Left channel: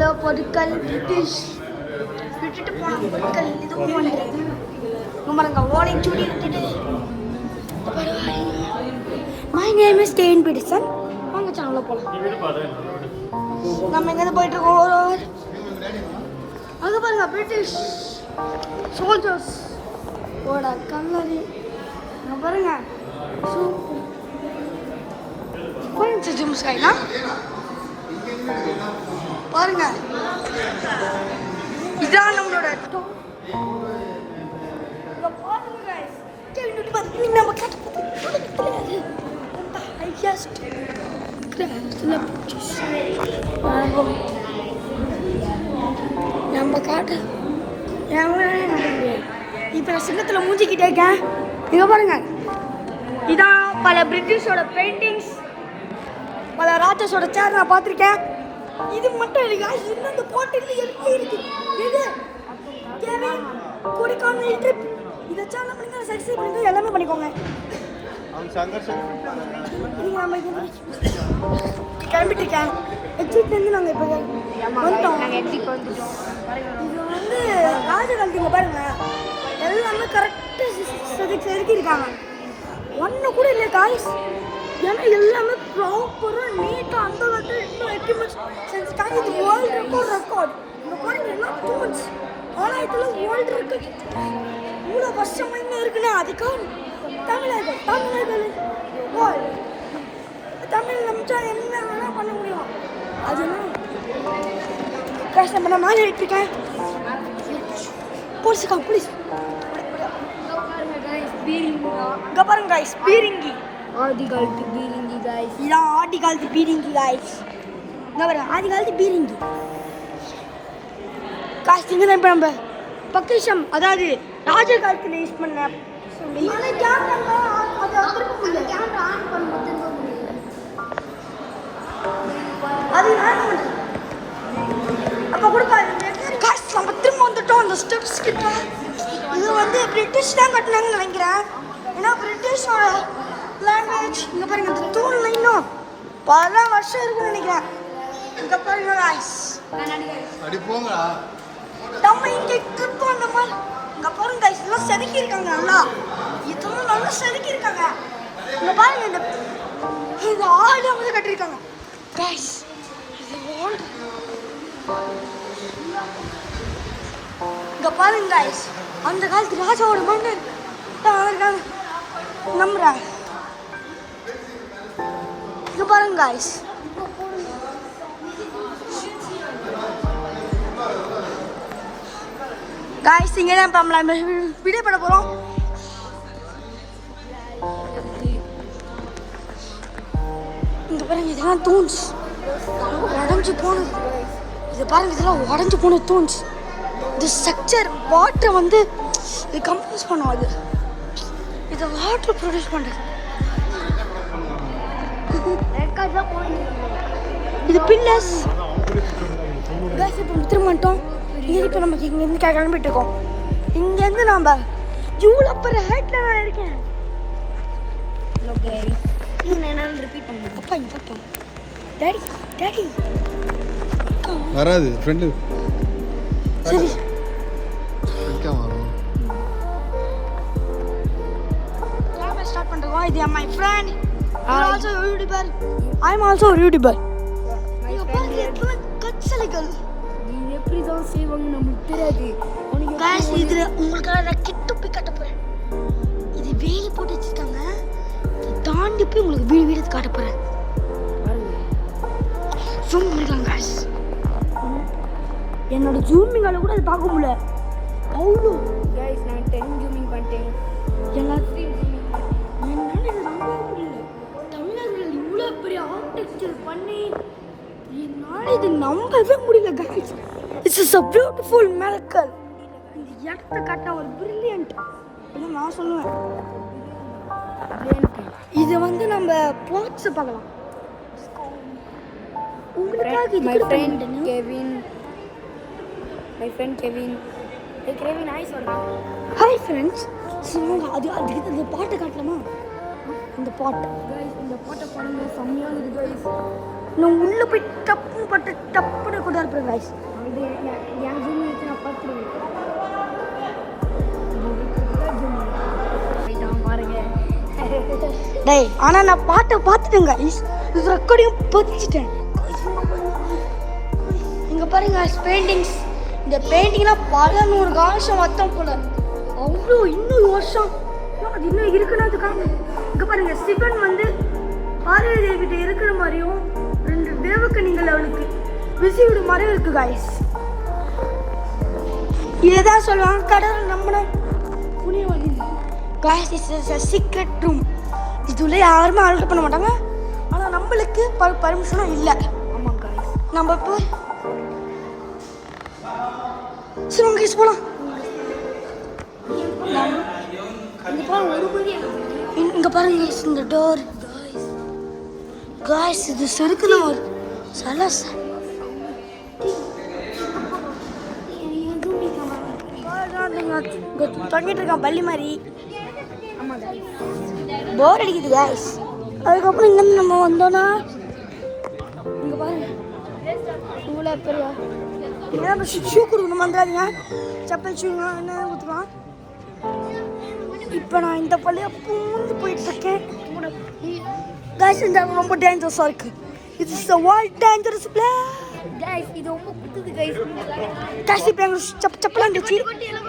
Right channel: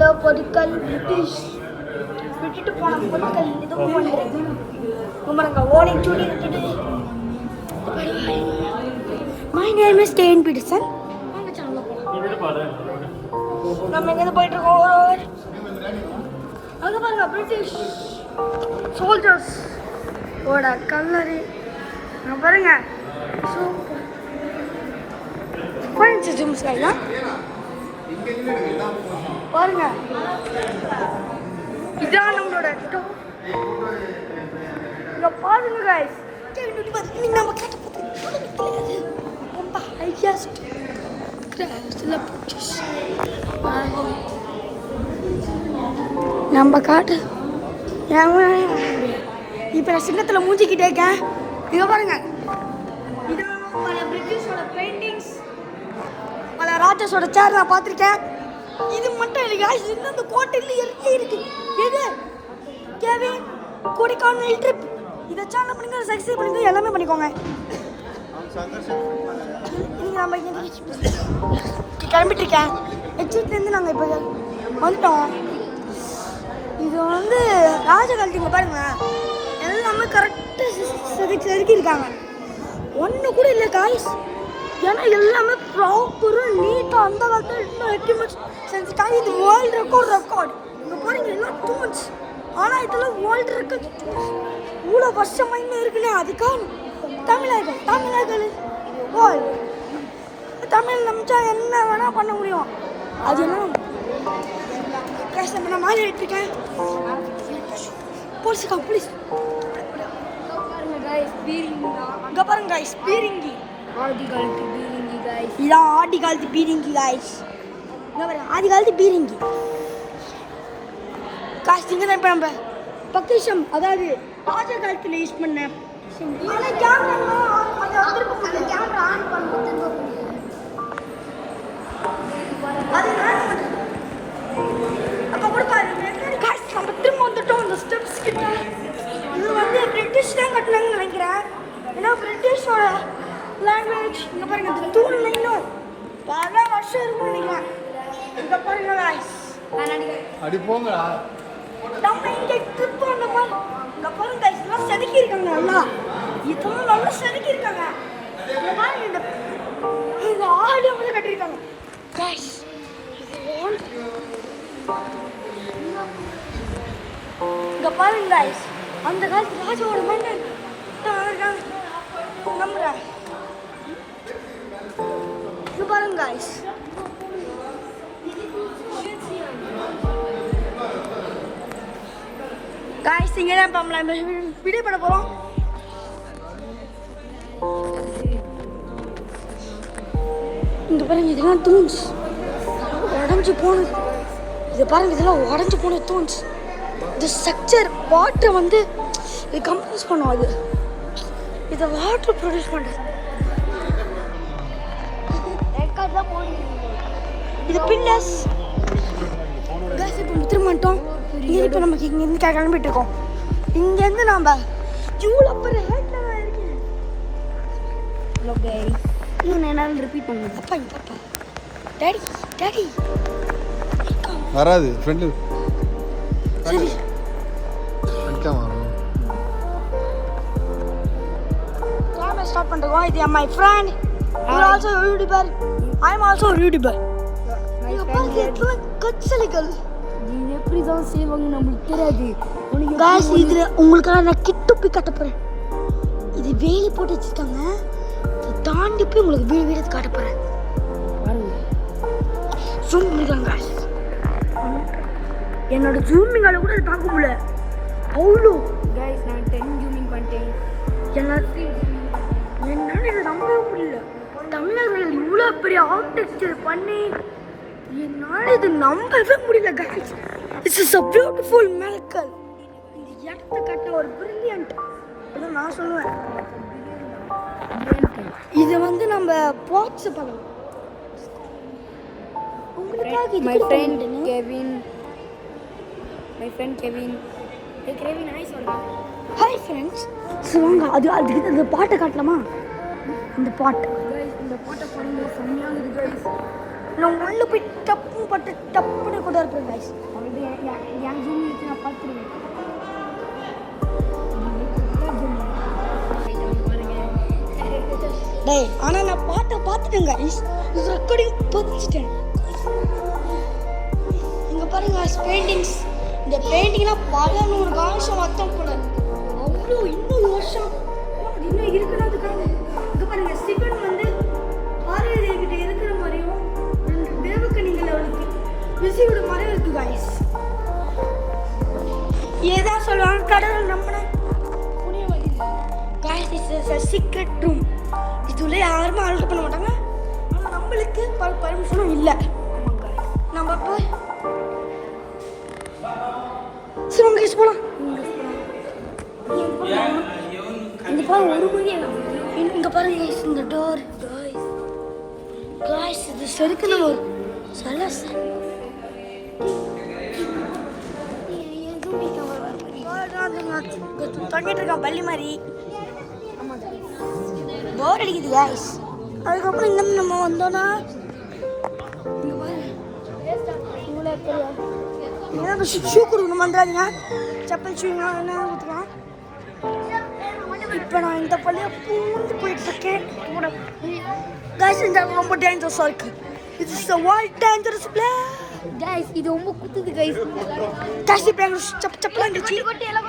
எவ்வளோ பொருட்கள் பிரிட்டிஷ் விட்டுட்டு போன பொருட்கள் எதுவும் பண்ணுறது பாருங்க ஓலைச்சுடி விட்டுட்டு. My name is Ken Peterson. வாங்க சேனலில் போகலாம். நம்ம எங்கேருந்து போயிட்டுருக்கோம்? அங்கே பாருங்க பிரிட்டிஷ் சோல்ஜர்ஸ் ஓட கல்லறை பாருங்க. சூப்பர் கோயின்ஸ் ஜிம் ஸ்கைலாம் பாருங்க. இதான் நம்மளோட டாப். இங்க பாருங்க गाइस. கேள்வி பாத்தீங்க நம்ம கட்ட ரொம்ப ஐடியா கிராஸ்ல பிக்சர்ஸ் நம்ம காட்டு இப்போ நான் சிங்கத்தில் மூஞ்சிக்கிட்டே இருக்கேன். இங்கே பாருங்க. இதான் பல பிரிட்டிஷோட பெயிண்டிங்ஸ், பல ராஜஸோட சேர் நான் பார்த்துருக்கேன். இது மட்டும் இல்லைங்க, இன்னும் இந்த கோட்டையில் எல்லாம் இருக்கு. எது கேவி கொடைக்கானல் ட்ரிப் இதை சேனல் பண்ணுங்க, சப்ஸ்கிரைப் பண்ணுங்க, எல்லாமே பண்ணிக்கோங்க. நீங்கள் நம்ம கிளம்பிட்டு இருக்கேன். எக்ஸிட்லேருந்து நாங்கள் இப்போ வந்துட்டோம். இது வந்து ராஜ காலத்துங்க பாருங்க. எல்லாமே கரெக்டாக செதுக்கியிருக்காங்க. ஒன்று கூட இல்லை காய்ஸ். ஏன்னா எல்லாமே ப்ராப்பராக நீட்டாக அந்த காலத்தில் இன்னும் எக்யூப்மெண்ட்ஸ் செஞ்சுட்டாங்க. இது வேர்ல்டு ரெக்கார்ட். இங்கே பாருங்க எல்லாம் டூ மந்த்ஸ். ஆனால் இதில் வேர்ல்டு ரெக்கார்ட் இவ்வளோ வருஷமாக இன்னும் இருக்குன்னா அதுக்காக தமிழர்கள் தமிழ் நம்பிச்சா என்ன வேணால் பண்ண முடியும். அது எல்லாம் கஷ்டம் பண்ண மாதிரி இருக்கேன். போலீஸுக்கா போலீஸ் இங்கே பாருங்க காய்ஸ். பீரிங்கி ஆதி காலத்து பீரிங்கி காய்ஸ். இதான் ஆதி காலத்து பீரிங்கி காய்ஸ். இங்கே பாருங்க ஆதி காலத்து பீரிங்கி காய்ஸ். இங்கே தான் இப்போ நம்ம பொக்கிஷம், அதாவது ராஜ காலத்தில் யூஸ் பண்ண ஆனால் கேமரா அதை திருப்ப கேமரா ஆன் பண்ணும்போது அது அப்போ கூட காசு நம்ம திரும்ப வந்துட்டோம் அந்த ஸ்டெப்ஸ் கிட்ட. இது வந்து பிரிட்டிஷ் தான் கட்டினாங்கன்னு நினைக்கிறேன். ஏன்னா பிரிட்டிஷோட லாங்குவேஜ். இங்கே பாருங்க இந்த தூண்ல இன்னும் பல வருஷம் இருக்குன்னு நினைக்கிறேன். இங்கே பாருங்க காய்ஸ். அடி போங்க நம்ம இங்கே ட்ரிப் பண்ண மாதிரி. இங்கே பாருங்க காய்ஸ், இதெல்லாம் செதுக்கி இருக்காங்க. நல்லா இதெல்லாம் நல்லா செதுக்கி இருக்காங்க. இங்கே பாருங்க இந்த ஆடு வந்து கட்டியிருக்காங்க காய்ஸ். இங்க பாருங்க गाइस, அந்த காலத்து ராஜாவோட மண்டல் நம்புறேன். இங்க பாருங்க गाइस. गाइस இங்க தான் நம்ம வீடியோ பண்ண போறோம். இங்க பாருங்க இதெல்லாம் தூண்ஸ் உடஞ்சி போனது. இது பாருங்க இதெல்லாம் உடஞ்சி போன தூண்ஸ். இந்த ஸ்ட்ரக்சர் வாட்டர் வந்து இது கம்ப்ரஸ் பண்ணும். அது இதை வாட்டர் ப்ரொடியூஸ் பண்ணுறது. இது பின்னஸ் கேஸ். இப்போ திரும்ப வந்துட்டோம். இப்போ நமக்கு இங்கேருந்து கிளம்பிட்டு இருக்கோம். இங்கேருந்து நம்ம இவ்வளோ பெரிய ஹைட்டில் நான் இருக்கேன். இது என்னால் ரிப்பீட் பண்ணுங்க. அப்பா இது அப்பா டாடி டாடி வராது ஃப்ரெண்டு. சரி கேமரா ஸ்டார்ட் பண்ணுறோம். இது my friend. You also a YouTuber. I am also a YouTuber. ஐயோ பாருங்க இத்தனை கட்சலைகள். இது எப்படி தான் செய்வாங்க நம்மளுக்கு தெரியாது. गाइस இது உங்களுக்காக நான் கிட்ட போய் காட்ட போகிறேன். இது வேலி போட்டு வச்சுருக்காங்க. இதை தாண்டி போய் உங்களுக்கு வீடு காட்ட போகிறேன். ஜூம் பண்ணிக்கலாம் गाइस. என்னோட ஜூமிங்கால கூட அது பார்க்க முடியல. அவ்வளோ गाइस நான் 10 ஜூமிங் பண்ணிட்டேன். எல்லாத்தையும் என்னால் இதை நம்பவே முடியல. தமிழர்கள் இவ்வளோ பெரிய ஆர்கிடெக்சர் பண்ணி என்னால் இது நம்பவே முடியல guys. It's is a beautiful miracle. இந்த இடத்த காட்டின ஒரு பிரில்லியன்ட் அப்படின்னு நான் சொல்லுவேன். இது வந்து நம்ம போட்ஸை பார்க்கலாம். உங்களுக்காக my friend Kevin. Hey Kevin, hi சொல்றா. Hi friends. சொல்லுங்க அதுக்கு அந்த பாட்டை காட்டலாமா? இந்த பாட்டு guys இந்த பாட்டை பாடுங்க செம்மையா இருக்கு guys. நான் உள்ள போய் டப்புன்னு பாட்டு டப்புன்னு கூட இதாக இருப்பேன் கைஸ். இது என் ஜூம் வச்சு நான் பார்த்துருவேன். பாருங்க. டேய் ஆனால் நான் பாட்டை பார்த்துட்டேன் கைஸ். இது ரெக்கார்டிங் பதிச்சிட்டேன். இங்கே பாருங்க கைஸ் பெயிண்டிங்ஸ். இந்த பெயிண்டிங்னா பல 100 வருஷம் மொத்தம் போல. அவ்வளோ 200 வருஷம் அது இன்னும் இருக்குன்னா அதுக்காக. இங்கே பாருங்க சிவன் வந்து பார்வதி கிட்ட இருக்கிற மாதிரியும் 2 தேவக்கணிகள் அவளுக்கு விசிவிட மரம் இருக்கு கைஸ். ஏதான் சொல்லுவாங்க கடவுள் நம்மளை guys. Is is a secret room. இதுல யாருமே அலோட் பண்ண மாட்டாங்க. ஆனால் நம்மளுக்கு பர்மிஷனும் இல்லை. நம்ம இப்போ சிவன் கைஸ் போகலாம். இங்கே பாருங்க கைஸ் இந்த டோர் கைஸ். இது செருக்கு நம்ம ஒரு சலஸ் தொங்கிட்டு இருக்கான் பள்ளி மாதிரி. போர் அடிக்குது கைஸ். அதுக்கப்புறம் இங்கேருந்து நம்ம வந்தோன்னா இங்கே பாருங்க ஷூ கொடுக்கணும் வந்துடாதீங்க. செப்பல் ஷூலாம் என்ன கொடுத்துக்கலாம். இப்போ நான் இந்த பள்ளியை பூந்து போயிட்டுருக்கேன் கைஸ். இந்த ரொம்ப டேஞ்சரஸாக இருக்குது. இது is a world dangerous place. Guys, இது ரொம்ப குத்துது guys. கைஸ் இப்போ எங்களுக்கு செப்பல் இருந்துச்சு.